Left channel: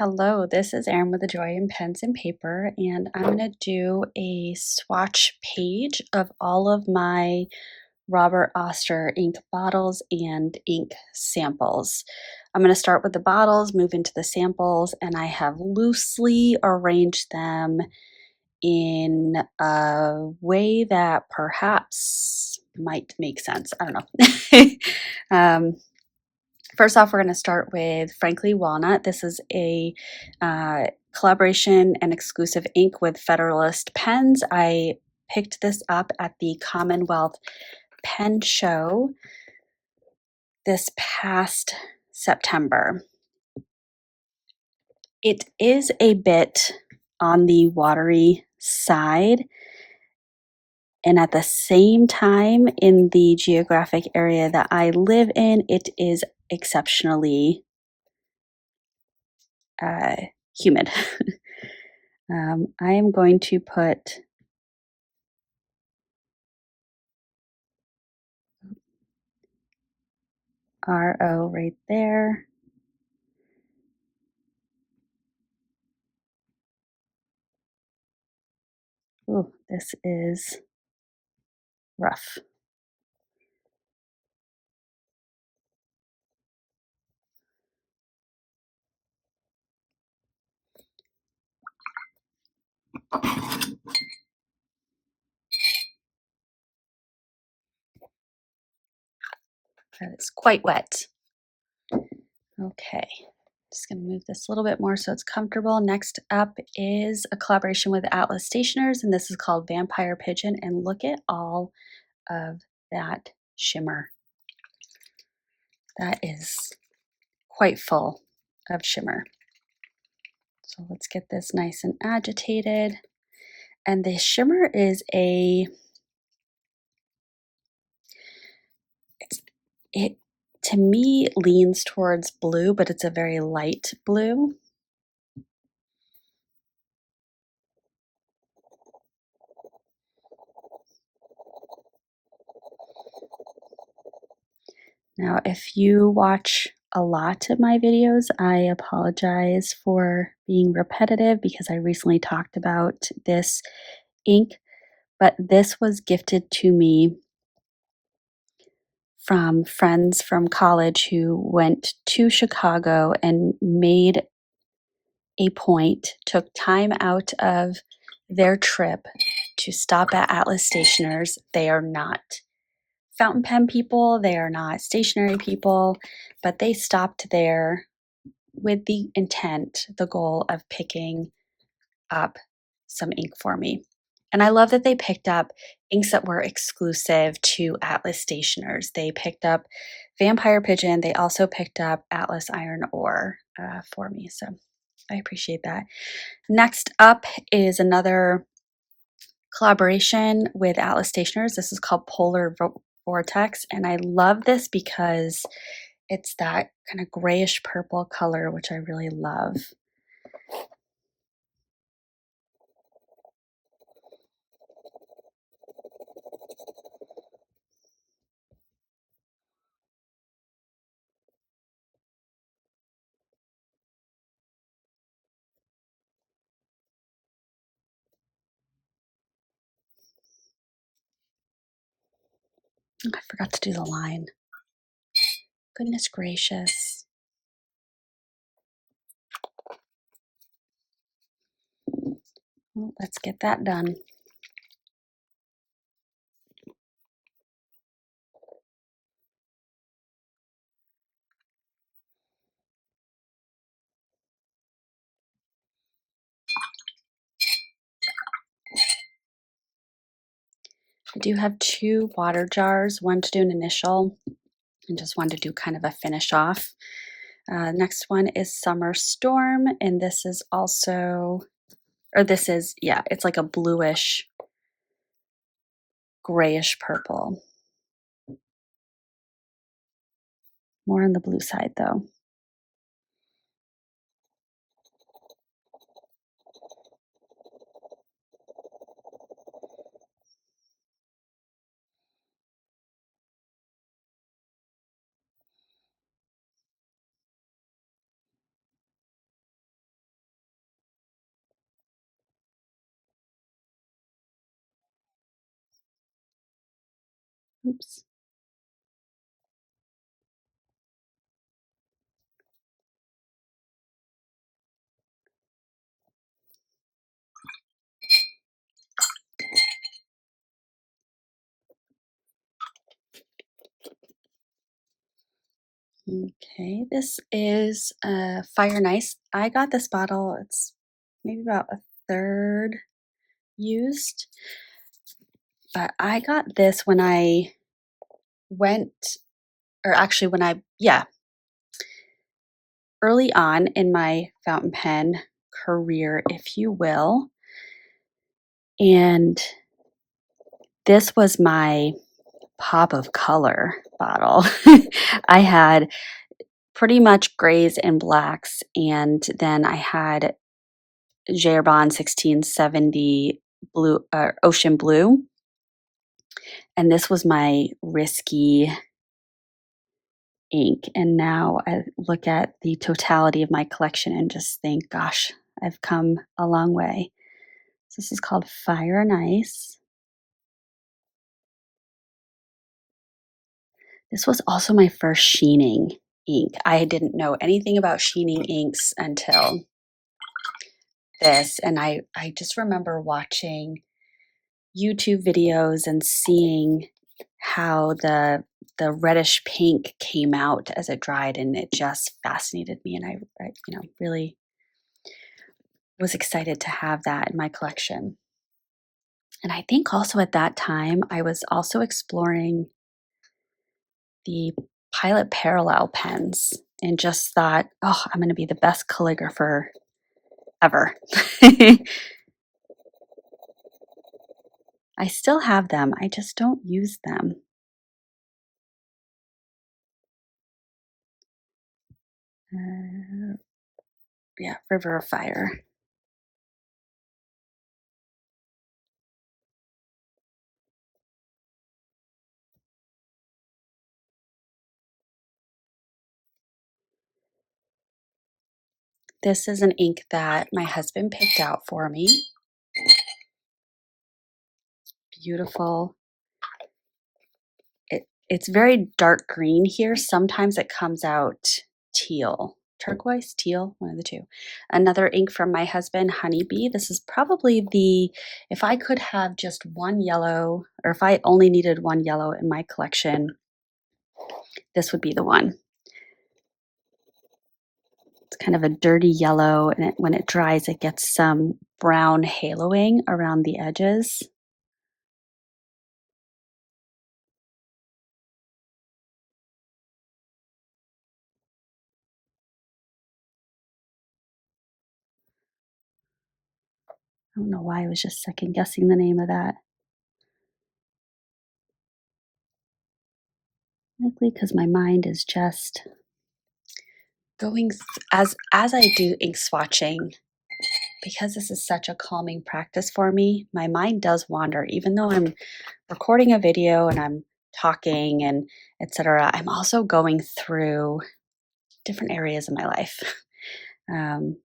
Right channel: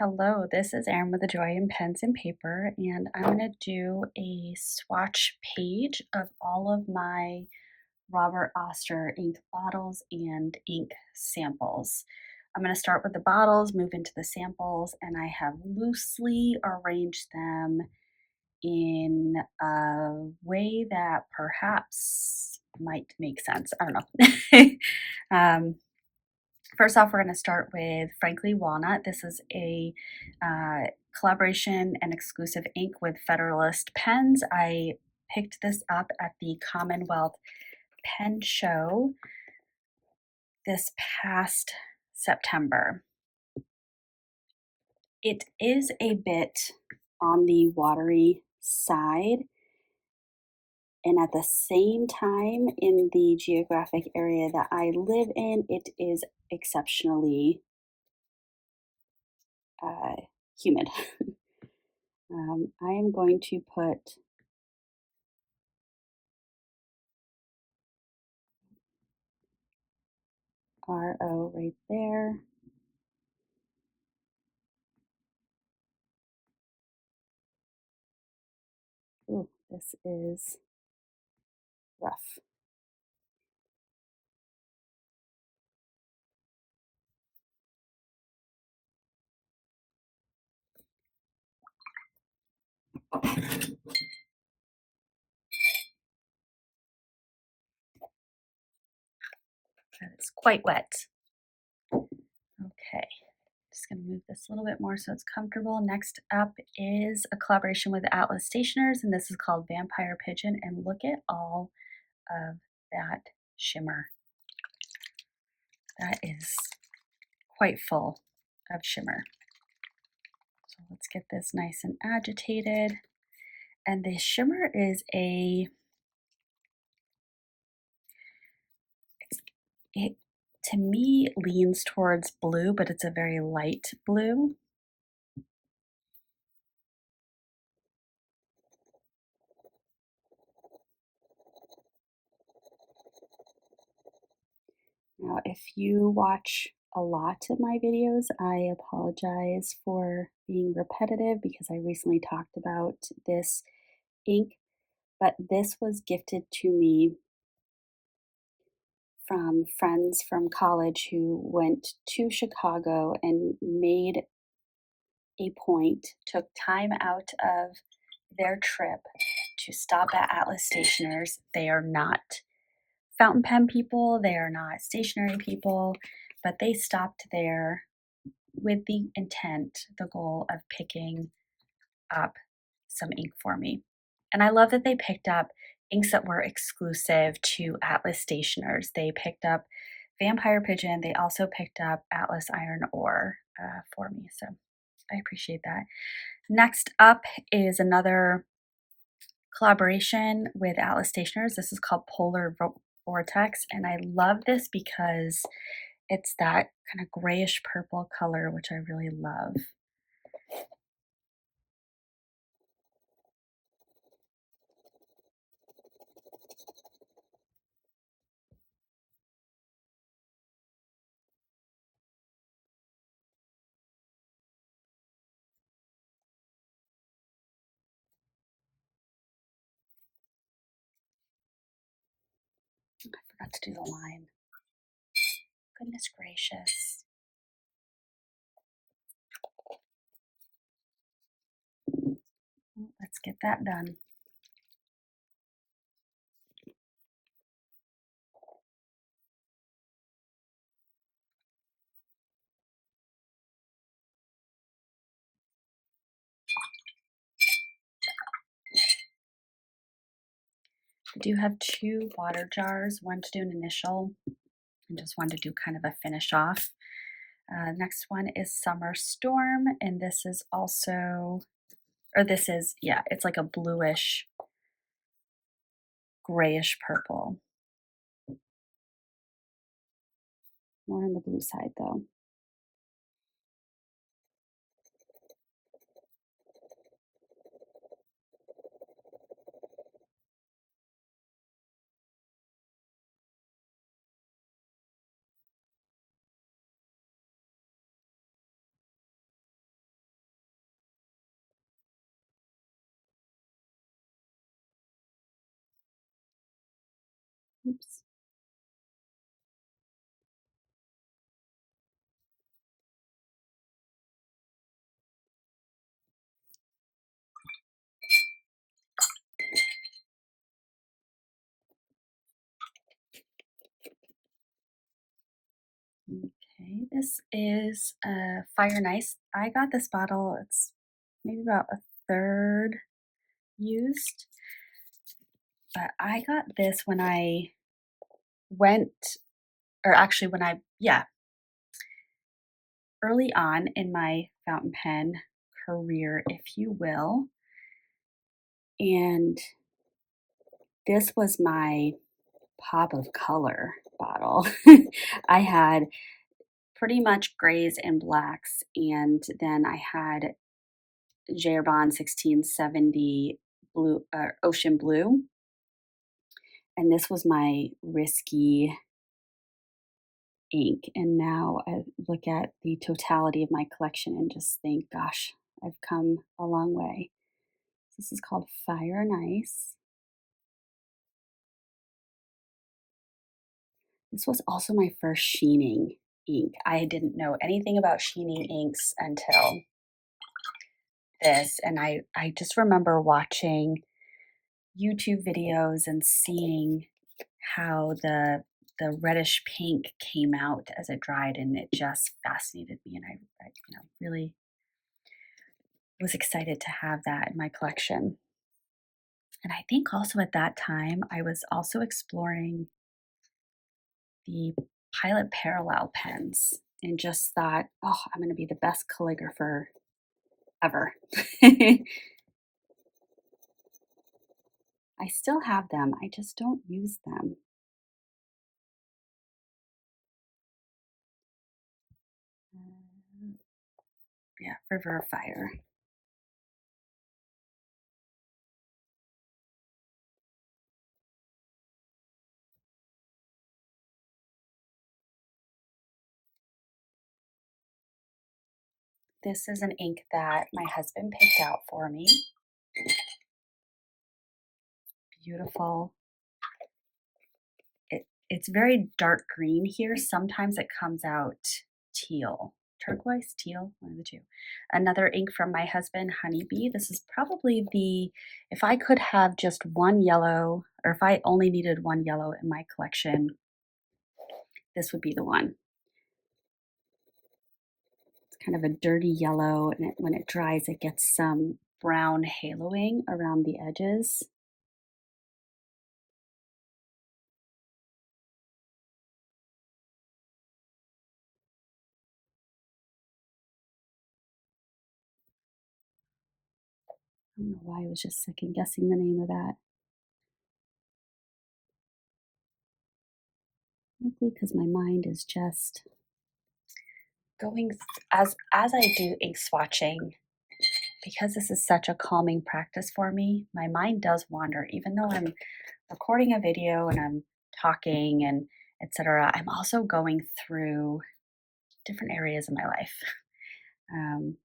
Hello, this is Erin with the Joy in Pens and Paper, and I'm going to do a swatch page of all of my Robert Oster ink bottles and ink samples. I'm going to start with the bottles, move into the samples, and I have loosely arranged them in a way that perhaps might make sense. I don't know. First off, we're going to start with Frankly Walnut. This is a collaboration and exclusive ink with Federalist Pens. I picked this up at the Commonwealth Pen Show this past September. It is a bit on the watery side, and at the same time, in the geographic area that I live in, it is exceptionally humid. I am going to put RO right there. Ooh, this is rough. That is quite wet. Okay, just gonna move this a little bit more so it's comfortable. Next up is a collaboration with Atlas Stationers, and this is called Vampire Pigeon, and look at all of that shimmer. That is quite full of shimmer. So let's get this nice and agitated. And the shimmer is it to me leans towards blue, but it's a very light blue. Now, if you watch a lot of my videos, I apologize for being repetitive because I recently talked about this ink, but this was gifted to me from friends from college who went to Chicago and made a point, took time out of their trip to stop at Atlas Stationers. They are not fountain pen people, they are not stationery people, but they stopped there with the intent, the goal of picking up some ink for me. And I love that they picked up inks that were exclusive to Atlas Stationers. They picked up Vampire Pigeon. They also picked up Atlas Iron Ore for me. So I appreciate that. Next up is another collaboration with Atlas Stationers. This is called Polar Vortex, and I love this because it's that kind of grayish purple color, which I really love. I forgot to do the line. Goodness gracious. Well, let's get that done. I do have two water jars, one to do an initial and just one to do kind of a finish off. Next one is Summer Storm, and this is also, or this is, yeah, it's like a bluish, grayish purple. More on the blue side though. Oops. Okay, this is Fire and Ice. I got this bottle, it's maybe about a third used, but I got this when I went, or actually when yeah, early on in my fountain pen career, if you will. And this was my pop of color bottle. I had pretty much grays and blacks, and then I had Gerbon 1670 blue, ocean blue, and this was my risky ink. And now I look at the totality of my collection and just think, gosh, I've come a long way. So this is called Fire and Ice. This was also my first sheening ink. I didn't know anything about sheening inks until this, and I just remember watching YouTube videos and seeing how the reddish pink came out as it dried, and it just fascinated me, and I really was excited to have that in my collection. And I think also at that time I was also exploring the Pilot Parallel pens and just thought, oh, I'm going to be the best calligrapher ever. I still have them. I just don't use them. Yeah, River of Fire. This is an ink that my husband picked out for me. Beautiful. It's very dark green here. Sometimes it comes out teal, turquoise, teal, one of the two. Another ink from my husband, Honeybee. This is probably if I could have just one yellow, or if I only needed one yellow in my collection, this would be the one. It's kind of a dirty yellow, and when it dries, it gets some brown haloing around the edges. I don't know why I was just second guessing the name of that. Likely because my mind is just going as I do ink swatching, because this is such a calming practice for me. My mind does wander, even though I'm recording a video and I'm talking and etc. I'm also going through different areas of my life. Um,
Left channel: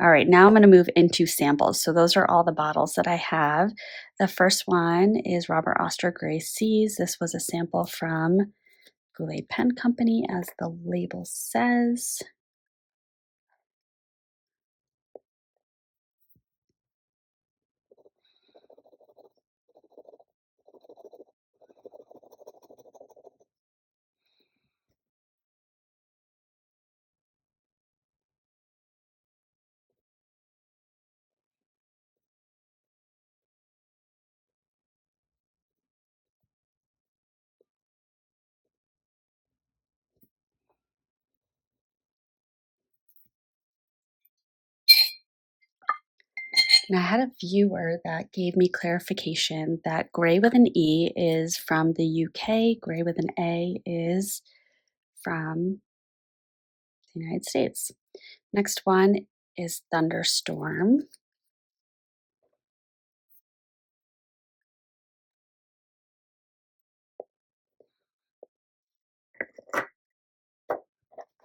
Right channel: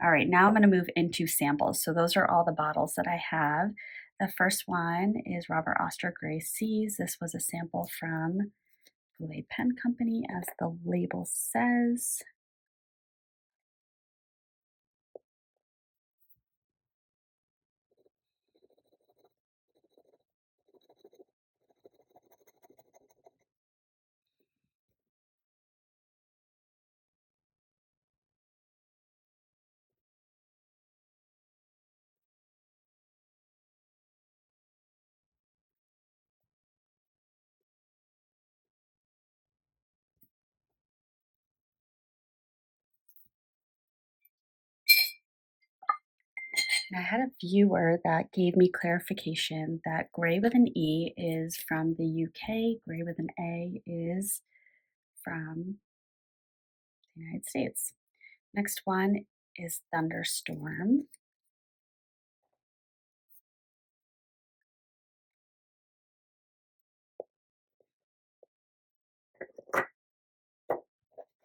all right, now I'm going to move into samples. So those are all the bottles that I have. The first one is Robert Oster Gray Seas. This was a sample from Goulet Pen Company, as the label says. And I had a viewer that gave me clarification that Gray with an E is from the UK, Gray with an A is from the United States. Next one is Thunderstorm.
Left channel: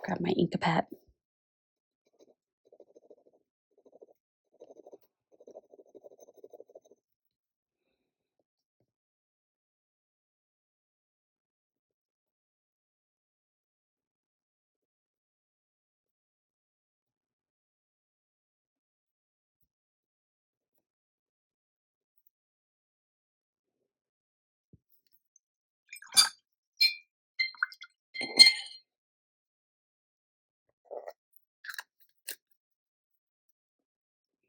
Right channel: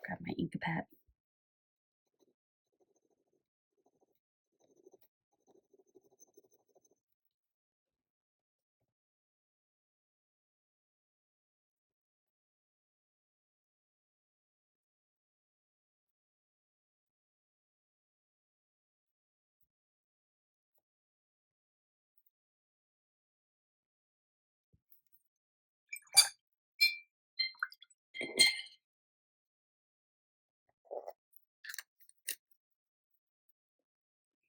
Grab my Inkapet.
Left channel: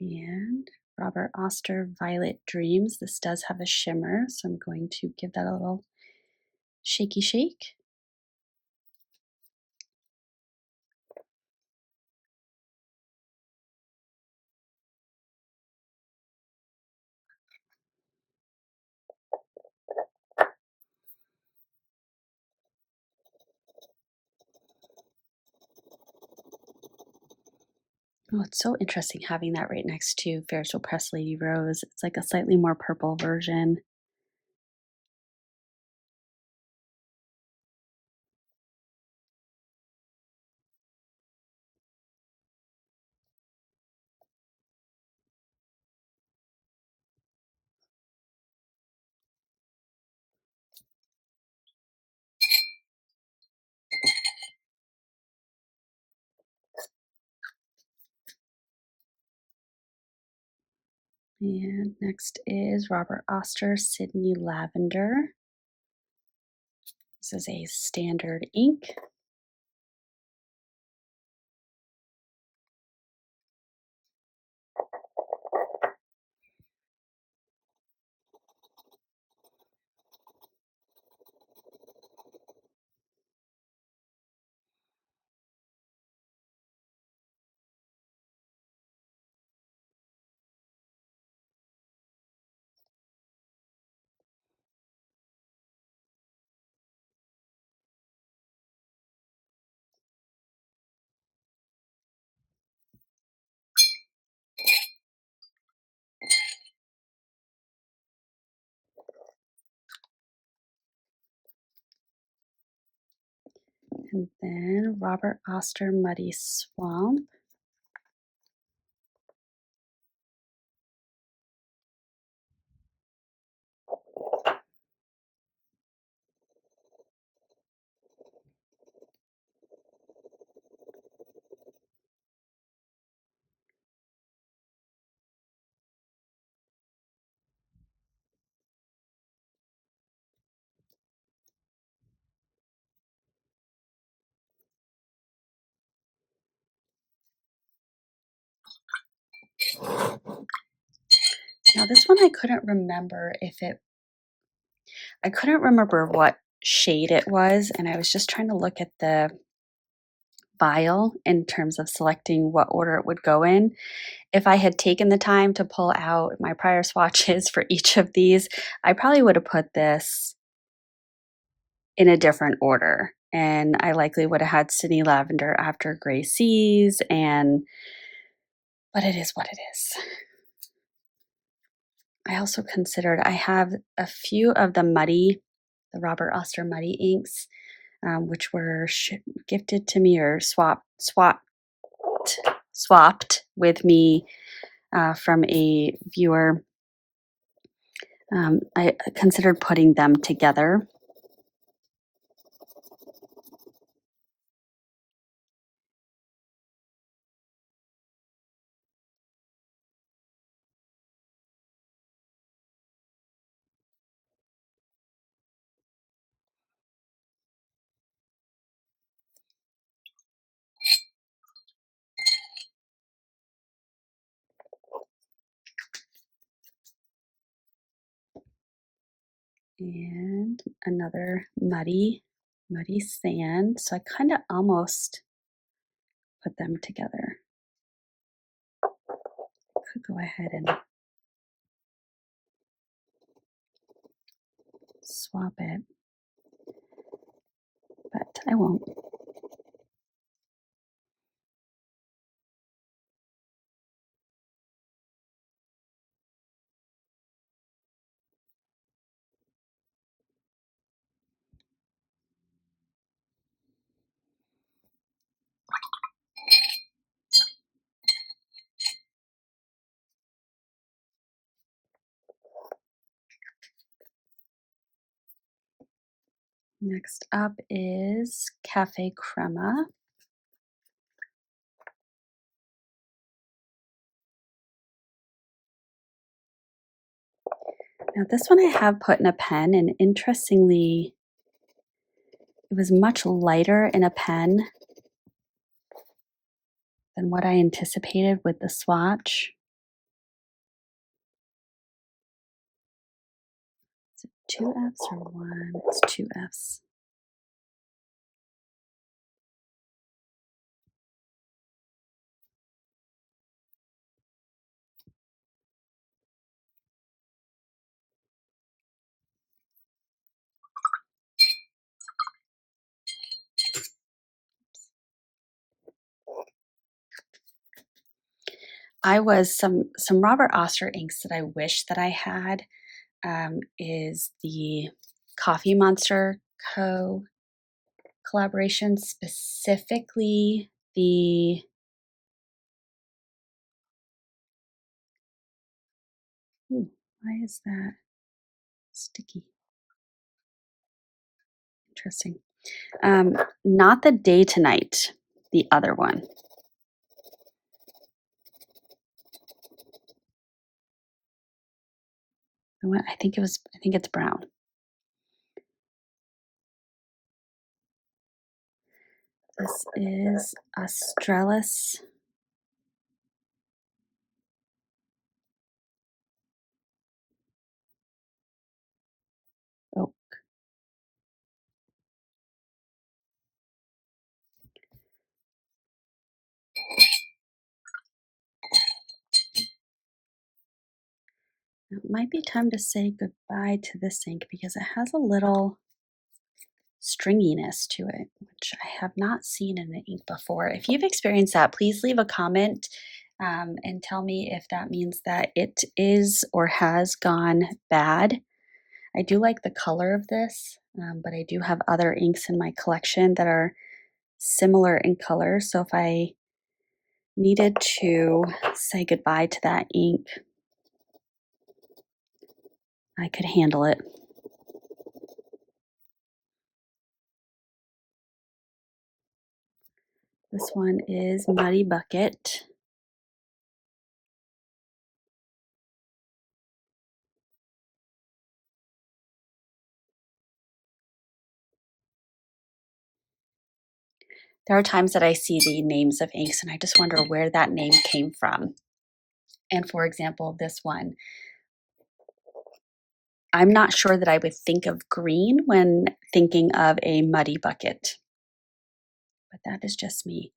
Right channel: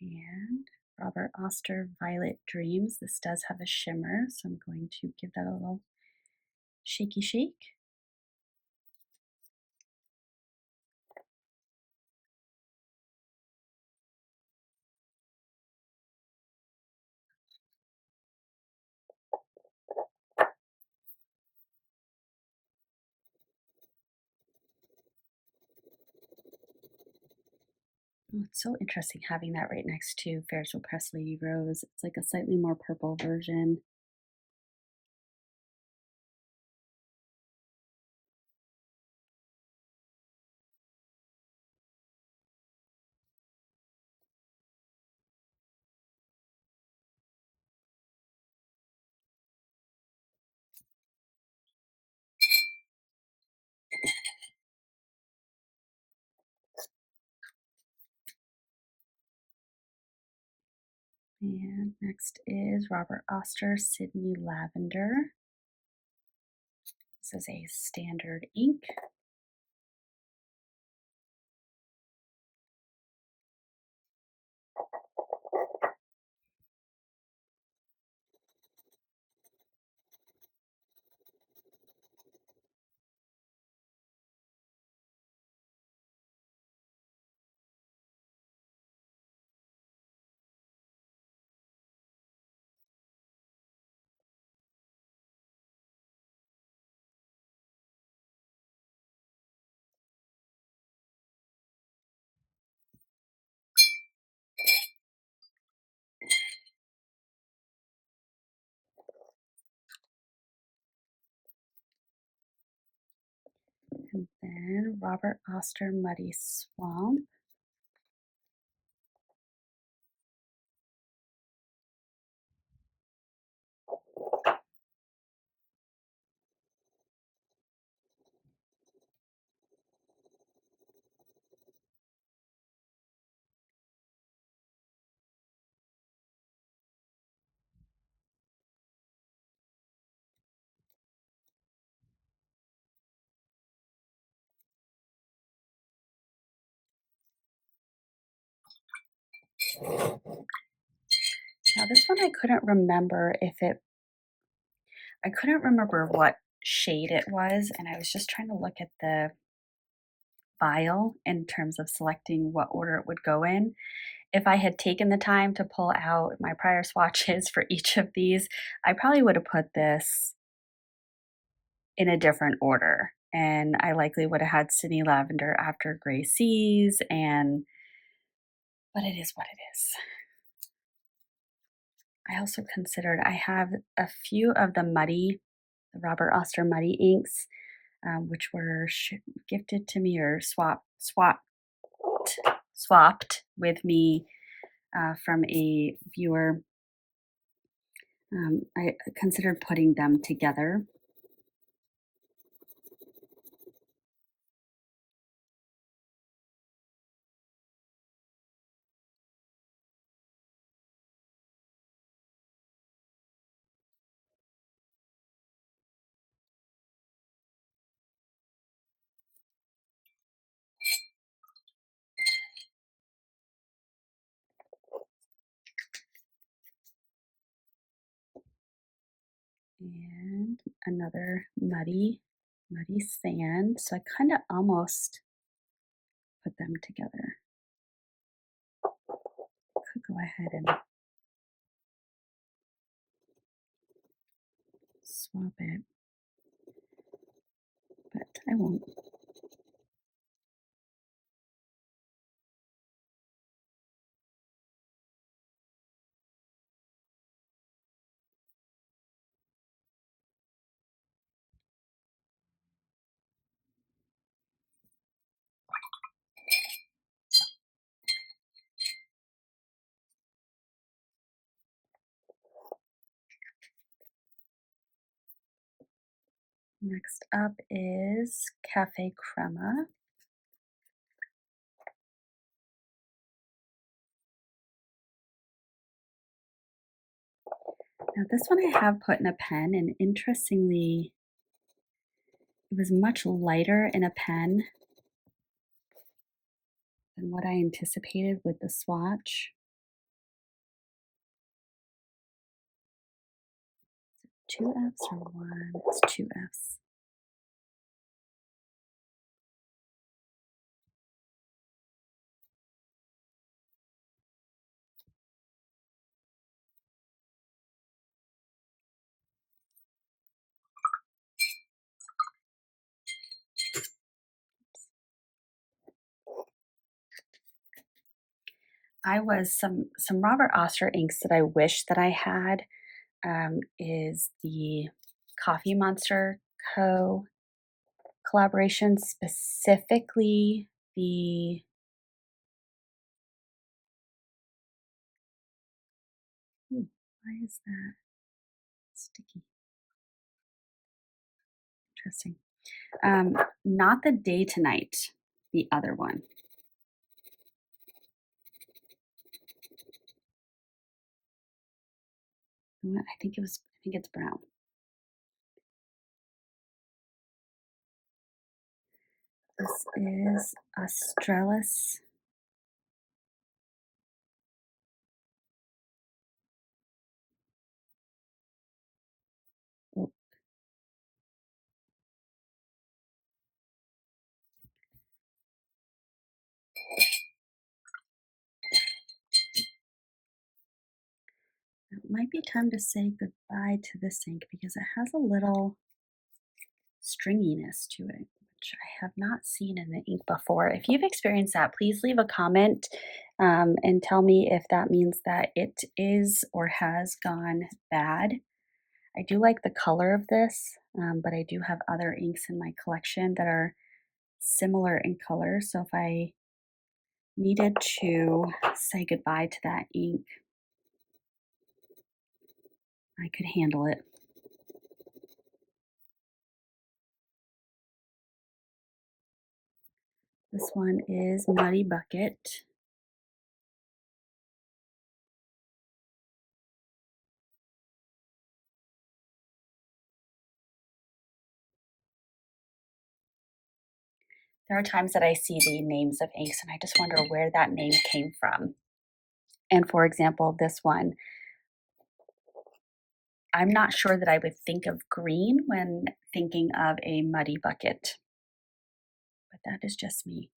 And Robert Oster Violet Dreams. This does have a shimmer, so I'm going to give that a little shaky shake. Oh, it's so interesting having that right next to Fairchild Press Lady Rose. It's like a slightly more purple version. And next is Robert Oster Sydney Lavender. This is a standard ink. And then Robert Oster Muddy Swamp. Now this one I couldn't remember I couldn't remember what shade it was, and I was just trying to look at the vial in terms of selecting what order it would go in. If I had taken the time to pull out my prior swatches for each of these, I probably would have put this in a different order. And I likely would have had Sydney Lavender after Gray Seas, but it is what it is. I also considered, I have a few of the Robert Oster Muddy inks, which were gifted to me or swapped with me from a viewer. I considered putting them together. And another muddy sand. So I kind of almost put them together. Could go ahead and swap it, but I won't. Next up is Cafe Crema. Now this one I have put in a pen, and interestingly, it was much lighter in a pen than what I anticipated with the swatch. two F's or one? It's two F's. I was some Robert Oster inks that I wish that I had is the Coffee Monster Co. collaboration, specifically the why is that sticky? Interesting. Not the Day to Night, the other one. I think it's brown. This is Australis. Oh, it might be time to say goodbye to this ink because it has a little stringiness to it, which I have not seen in an ink before. If you've experienced that, please leave a comment and tell me if that means that it is or has gone bad. I do like the color of this, but I do have other inks in my collection that are similar in color. So if I needed to say goodbye to that ink, I could handle it. This one is Muddy Bucket. There are times that I see the names of inks and I just wonder where that name came from. And for example, this one, I'm not sure that I would think of green when thinking of a muddy bucket, but that is just me.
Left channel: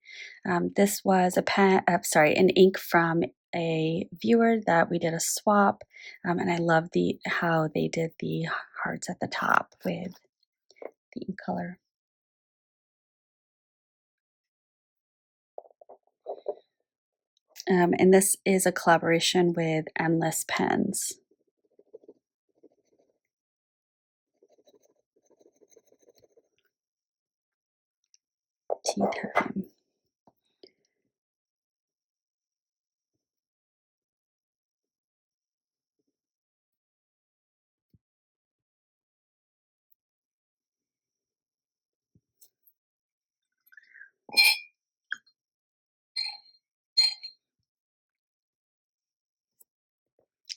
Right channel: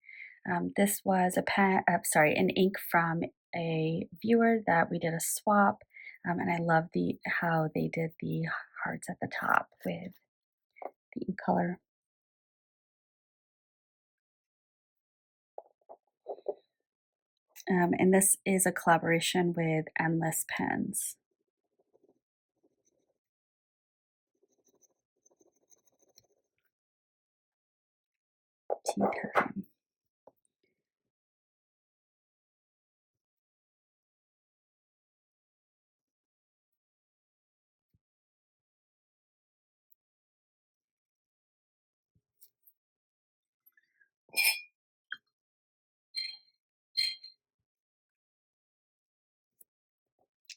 This was an ink from a viewer that we did a swap, and I love how they did the hearts at the top with the ink color. And this is a collaboration with Endless Pens. Tea time.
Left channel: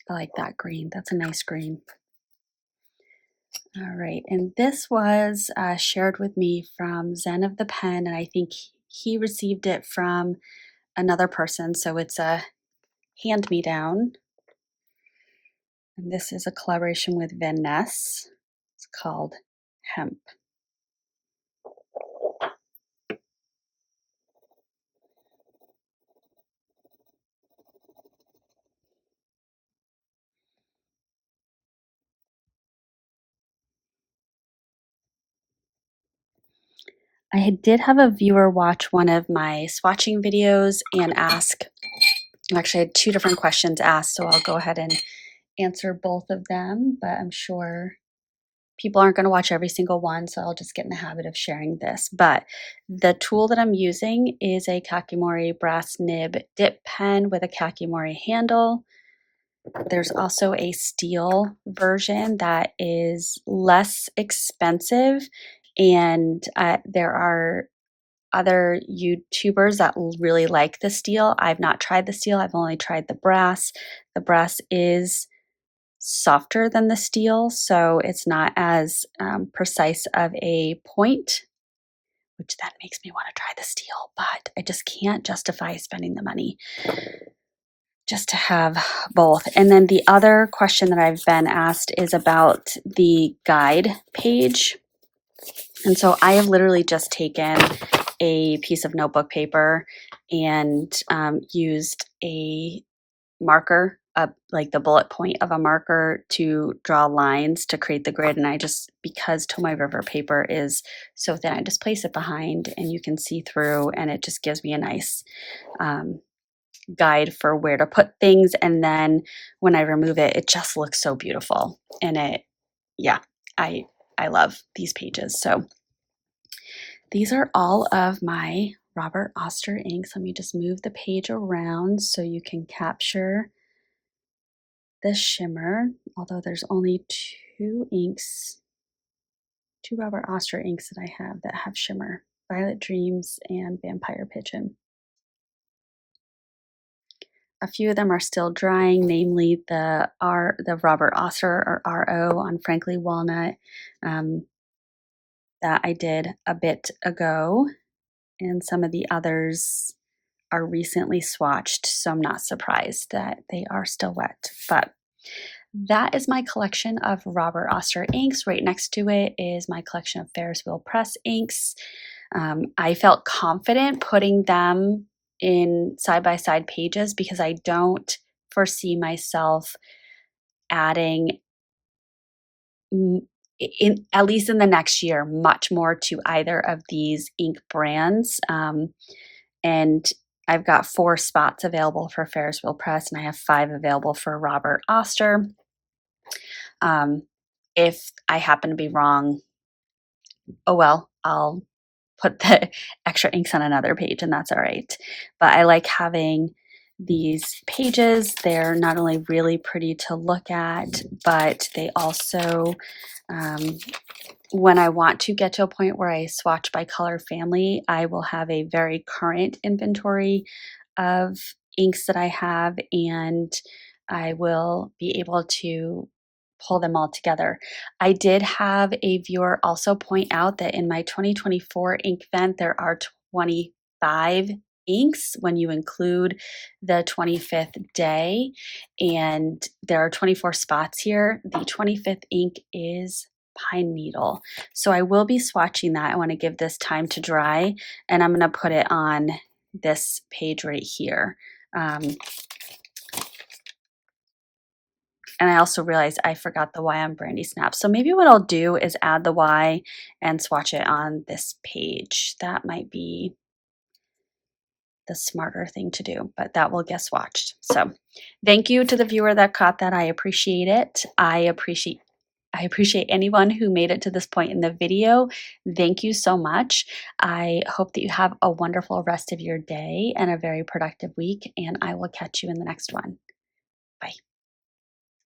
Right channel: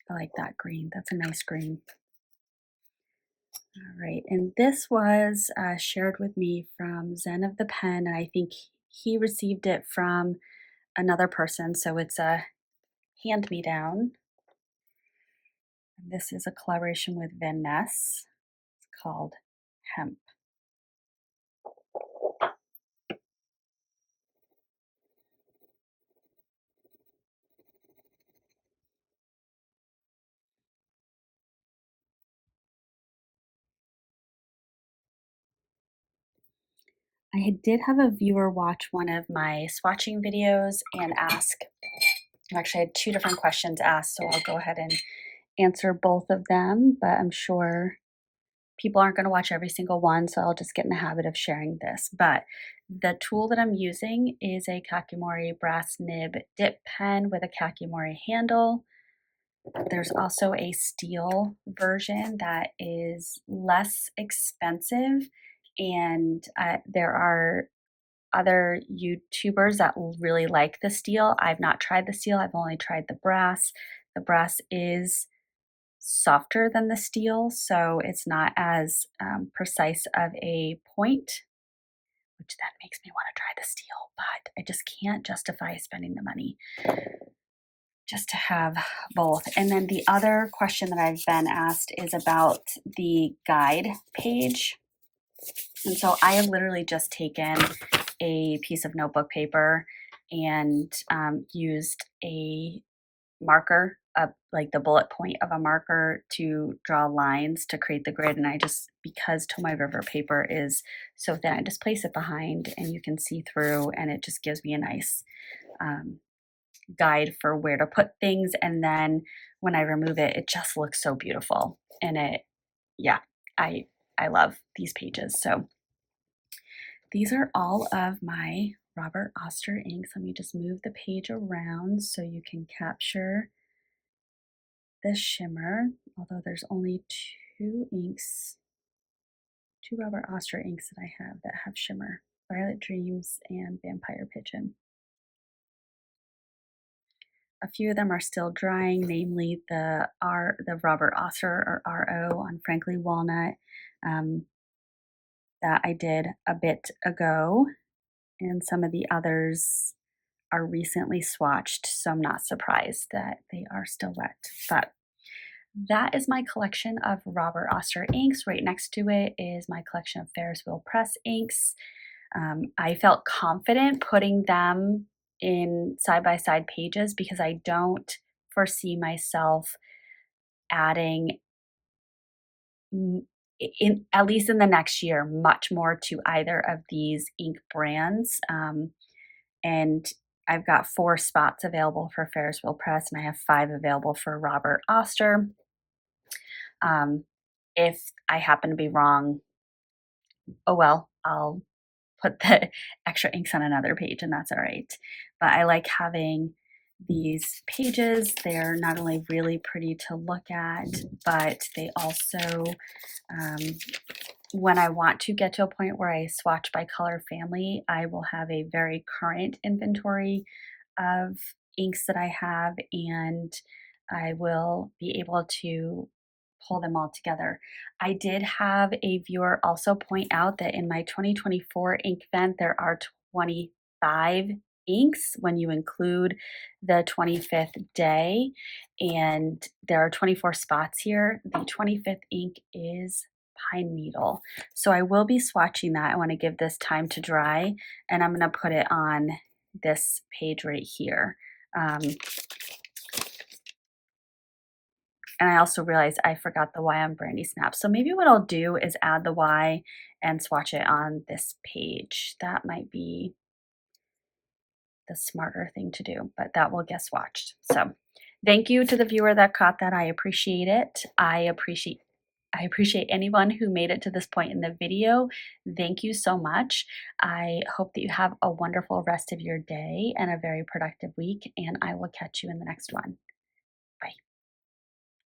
I like that green. That's a nice green. All right, and this was shared with me from Zen of the Pen, and I think he received it from another person, so it's a hand-me-down. And this is a collaboration with Van Ness. It's called Hemp. I did have a viewer watch one of my swatching videos and ask, actually I had two different questions asked, so I'll go ahead and answer both of them, but I'm sure people aren't going to watch every single one, so I'll just get in the habit of sharing this. But the tool that I'm using is a Kakimori brass nib dip pen with a Kakimori handle. There's also a steel version that is less expensive, and there are other YouTubers that really like the steel. I've not tried the steel, I've only tried the brass. The brass is softer than the steel, so it's not as precise of a point, which then makes me want to try the steel, but I just can't justify spending the money just to have both. And then the other question that I've been asked is about the guide page. And so I have literally just taken a piece of notebook paper and used a marker, like the bullet point of a marker, to draw lines to create the grid. And I just, because Tomoe River paper is so thin, I just place it behind and you can see through, and it just gives me a nice guide for where to put things. And then when I remove it, it just looks so beautiful. And yeah, I love these pages. So these are all of my Robert Oster inks. Let me just move the page around so you can capture the shimmer, although there's only two Robert Oster inks that I have that have shimmer: Violet Dreams and Vampire Pigeon. A few of them are still drying, namely the Robert Oster, or RO, on Frankly Walnut, that I did a bit ago, and some of the others are recently swatched, so I'm not surprised that they are still wet. But that is my collection of Robert Oster inks. Right next to it is my collection of Ferris Wheel Press inks. I felt confident putting them in side-by-side pages because I don't foresee myself adding, at least in the next year, much more to either of these ink brands. And I've got 4 spots available for Ferris Wheel Press, and I have 5 available for Robert Oster. If I happen to be wrong, oh well, I'll put the extra inks on another page, and that's all right. But I like having these pages. They're not only really pretty to look at, but they also, when I want to get to a point where I swatch by color family, I will have a very current inventory of inks that I have, and I will be able to pull them all together. I did have a viewer also point out that in my 2024 ink vent, there are 25 inks when you include the 25th day, and there are 24 spots here. The 25th ink is Pine Needle. So I will be swatching that. I want to give this time to dry, and I'm going to put it on this page right here. And I also realized I forgot the Y on Brandy Snap. So maybe what I'll do is add the Y and swatch it on this page. That might be the smarter thing to do, but that will get swatched. So thank you to the viewer that caught that. I appreciate it. I appreciate anyone who made it to this point in the video. Thank you so much. I hope that you have a wonderful rest of your day and a very productive week, and I will catch you in the next one.